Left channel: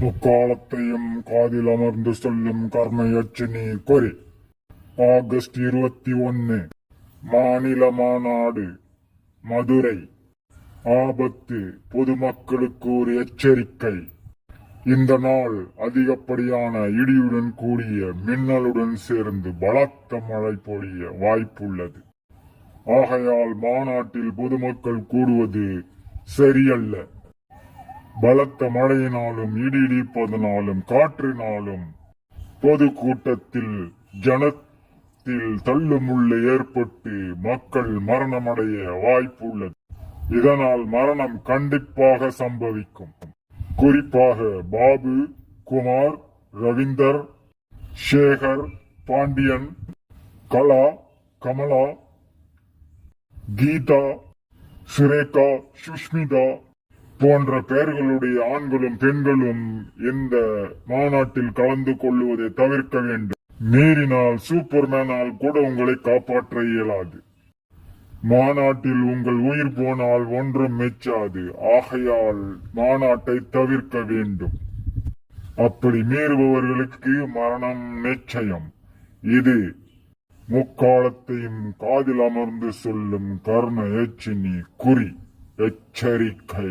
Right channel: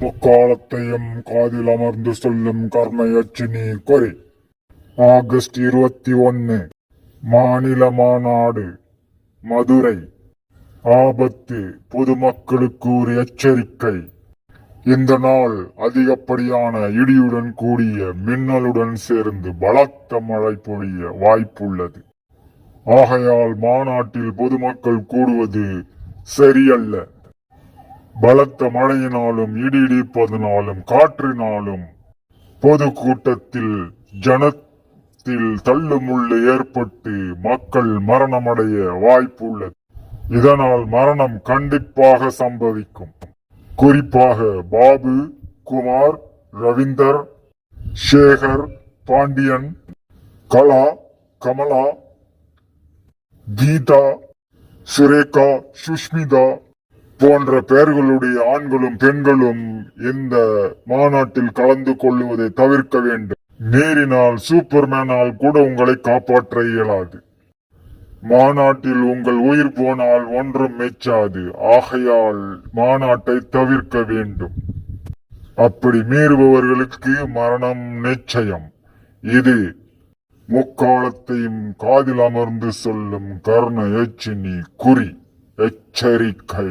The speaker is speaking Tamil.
முக்காலத்தையும் காதில் அமர்ந்து சொல்லும் கர்மயட்சினி குறி. ஆகஸ்ட் 21 மாநில மாநாடு மதுரை. ஆபத்து, பொதுமக்களுக்கு ஒரு எச்சரிக்கை. இந்த நாள் அதிகப்படியான இடியுடன் கூடிய மின்னலுடன் சேர்ந்து பலத்த மழை பொழிய வாய்ப்புள்ளது. ஆகையால் மாநாட்டில் பொதுமக்கள் கூடுவது சரியல்ல. பலத்த மழையினாலும் இடிப்பதனாலும் காற்றினாலும் பொது கூட்டத்தில் ஜனத்தில் தள்ளுமுள்ளு ஏற்பட்டு மக்கள் மரணமடைய வாய்ப்புள்ளது. இதனால் மரணம் கண்டிப்பாக சம்பவிக்கும். குறிப்பாக பாபு, குமார், ரவீந்தர், சேகர், பாண்டியன், கலா, கமலா, கீதா, சுரேகா, சுஷ்மிதா போன்ற பெயர்களுடைய ஆண்களும் பெண்களும் இந்த மாநாட்டில் கலந்து கொள்ளுவதை தவிர்க்க வேண்டும். நேரினால் சூப்பர்மேனால் கூட உங்களை காப்பாற்ற இயலாது. மாநாட்டில் உங்கள் உயிர் போனால் ஒன்றும் மெச்சாது. ஆகையால் மாநாட்டை தவிர்க்க வேண்டும். அப்படி மீறுபவர்களுக்கு மரணம் நிச்சயம். இது முக்காலத்தையும் காதில் அமர்ந்து சொல்லும் கர்ண யட்சினி குறி. எச்சரிக்கை.